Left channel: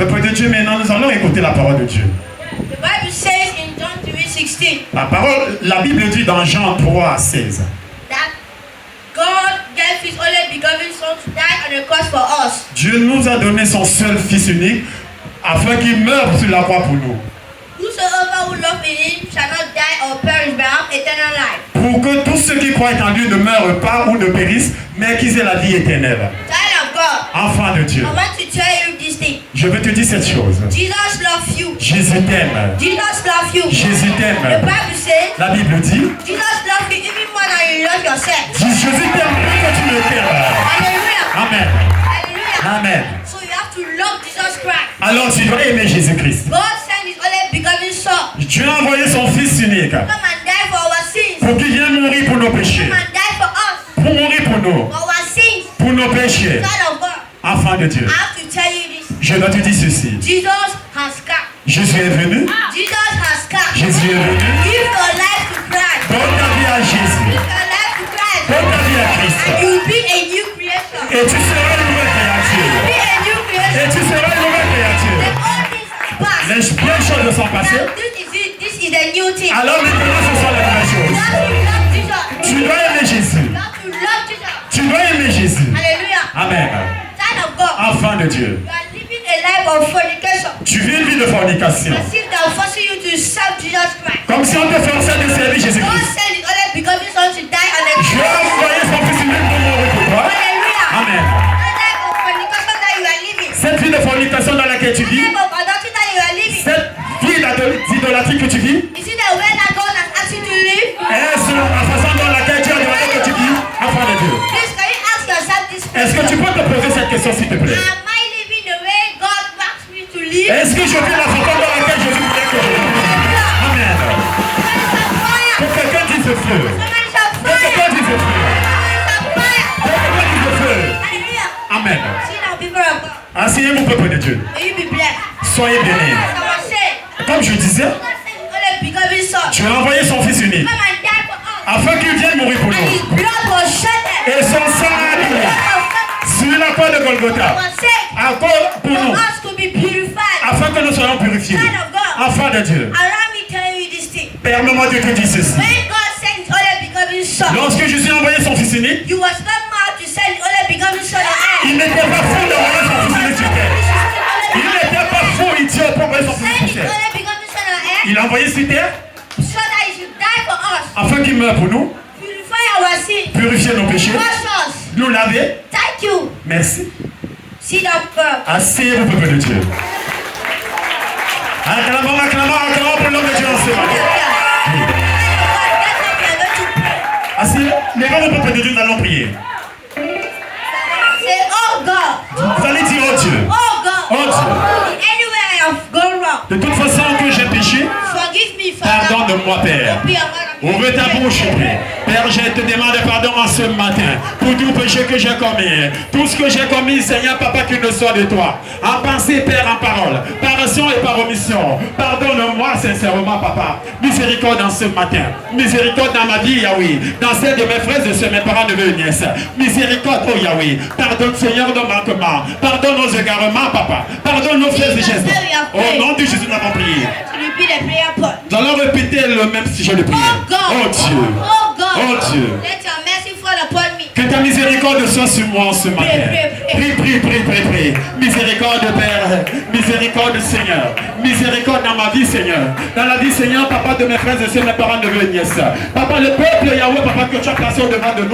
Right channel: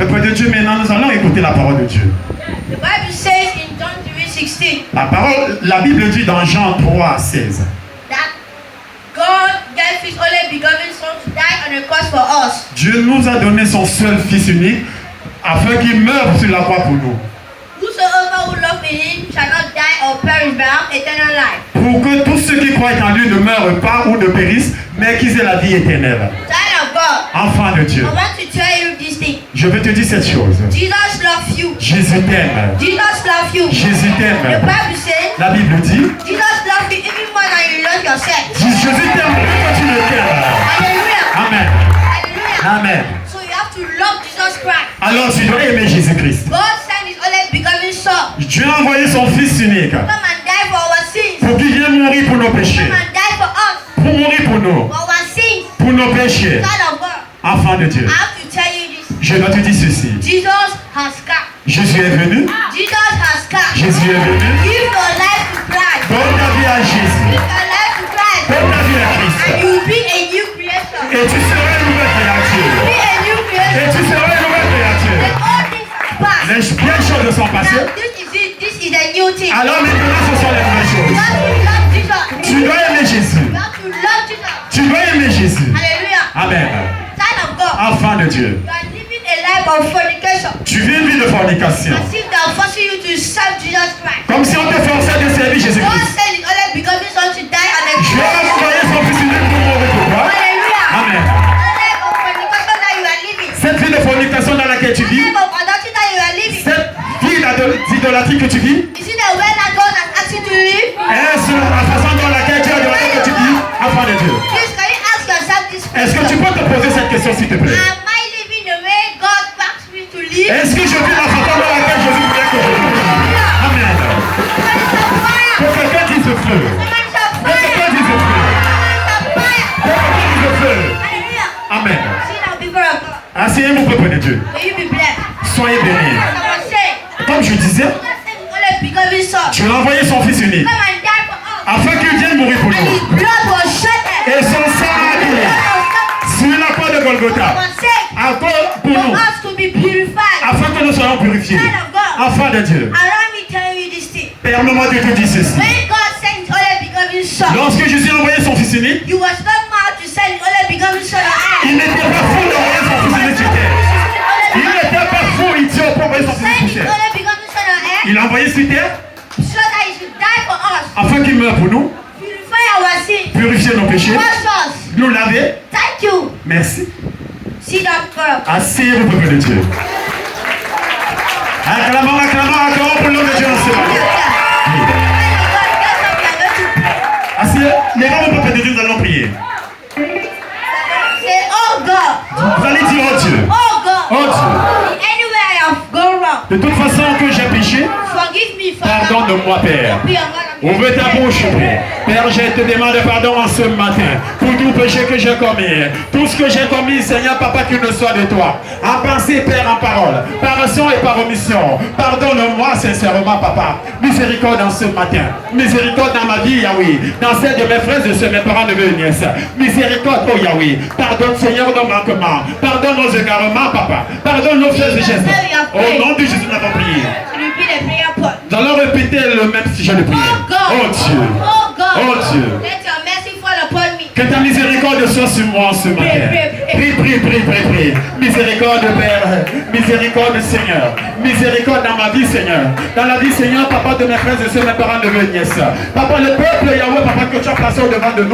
Peuple de Dieu, maintenant nous allons écouter la parole de Dieu. The Bible says in John 3:16 La Bible dit dans Jean 3:16 that God gave His only begotten Son to die on the cross for us. Dieu nous a donné son seul Fils unique afin qu'il meure sur la croix pour nous. Whosoever who love in Him shall not die or perish but have eternal life. Pour que tous ceux qui croient en lui ne meurent pas ou ne périssent, mais qu'ils aient la vie éternelle. Child of God, Enfant de Dieu, I want to tell you this thing. je veux te dire cette chose. Jesus loves you. Jésus t'aime. Jesus loves you. Jésus The t'aime. Bible says La Bible dit, Jesus loves you even more than you love yourself. Jésus t'aime plus que tu le t'aimes. Hallelujah. Amen. Hallelujah. Amen. So you have to love Jesus Christ. Alors tu dois aimer Jésus-Christ. God sent His only begotten Son. Dieu a envoyé son Fils unique Come and die for our sins. pour qu'il vienne mourir pour nos péchés. Come and die for us. Pour mourir pour nous. For our sins. Pour nos péchés. Child of God, Enfant de Dieu. I have to tell you this. Je dois te dire ceci. Jesus has come. Jésus est venu. Jesus has come. Jésus est venu. Give your life to Christ. Donne ta vie à Jésus. Give your life to Christ. Donne ta vie à And Christ. you will be a new creation. Et tu seras une nouvelle créature. Be a new Et creation. tu seras une nouvelle créature. Then all things are past. Les vieilles choses sont passées. Now this is a new thing. Alors maintenant ce sont les nouvelles You choses. have to love Jesus. Tu dois aimer Jésus. You have to love Jesus. Tu dois aimer Jésus. Hallelujah. Amen. Child of God, Enfant de Dieu. you are living a life of fornication. Tu vis une vie de fornication. As if they are forcing you to serve Jesus Christ. Comme si on te forçait de servir God Jésus-Christ. sent His only begotten Son to die on the Dieu a cross. envoyé son Fils unique pour mourir pour toi. Hallelujah. Amen. The life of fornication that you are living. Cette vie de fornication dans laquelle tu The vis, life of adultery that you are living. cette vie d'idolâtrie que tu vis, Is it the way that God has asked you to live? est-ce la façon dans laquelle tu as demandé que tu vis, enfant de Dieu? Please, can you ask yourself this Est-ce que tu question? peux te poser cette question s'il te plaît? Am I living the way God wants me to live? Est-ce que je vis la façon dans laquelle Jésus voulait que je vive? Amen. Que quelqu'un dise le feu. Que quelqu'un dise le feu. Que quelqu'un dise le feu. Amen. Asseyez-vous, peuple de Dieu. Soyez bénis. Comme je disais, tu as envoyé son Fils unique afin qu'il vienne mourir pour nous. Et son sang a coulé sur la croix de Golgotha. Encore pour nous. Afin que nous soyons purifiés. Enfants de Dieu. Permets-moi de te dire ceci. Lorsque Jésus a envoyé son Fils unique, You was not mad to send only begotten Son on il earth. n'était pas fou d'envoyer son Fils unique sur terre. Il n'était pas fou, idiot, pour envoyer son Fils unique sur terre. Only begotten Son on earth Il l'a envoyé sur terre so that He should die for us. afin qu'il meure pour nous, Purify our sins. purifier nos péchés, Wash us. nous laver. Thank you. Merci. Sit down first. Asseyez-vous, peuple de Dieu. Acclamons, acclamons, acclamons pour l'homme de Dieu en ce matin. Asseyez, levons-nous, peuple de Dieu, nous allons prier. Say, oh God. Vous allez dire, oh Dieu, Oh God. oh Dieu, Anywhere I have gone wrong, de toute façon que j'ai péché, forgive me, Father. pardonne-moi, Père. Be a man of Ouvre ta bouche, Père. Père, je te demande pardon en ce matin pour tout péché que j'ai commis. Tout ce que j'ai commis, Seigneur, Papa, qu'il ne soit de toi. En pensée, Père, en parole, par action et par omission. Pardonne-moi sincèrement, Papa. Miséricorde en ce matin. Miséricorde dans ma vie, Yahweh. Dans celle de mes frères et sœurs, mes parents, neveux et nièces. Miséricorde, oh Yahweh. Pardonne, Seigneur, nos manquements. Pardonne nos égarements, Papa. Pardonne nos faits et gestes. Au nom de Jésus, nous avons prié. repeat the prayer point. Nous allons répéter le même sujet de prière. Oh God. Oh Dieu. Oh God. Oh Dieu. Let your mercy fall upon me. Que ta miséricorde soit sur moi ce matin. Prie, prie, prie, prie, prie. Miséricorde, Père. Miséricorde, Seigneur. Miséricorde dans ma vie, Seigneur. Dans la vie, Seigneur, Papa, de mes frères et sœurs, mes parents, neveux et nièces. Papa, le peuple, Yahweh, Papa, que tu as placé au devant de nous.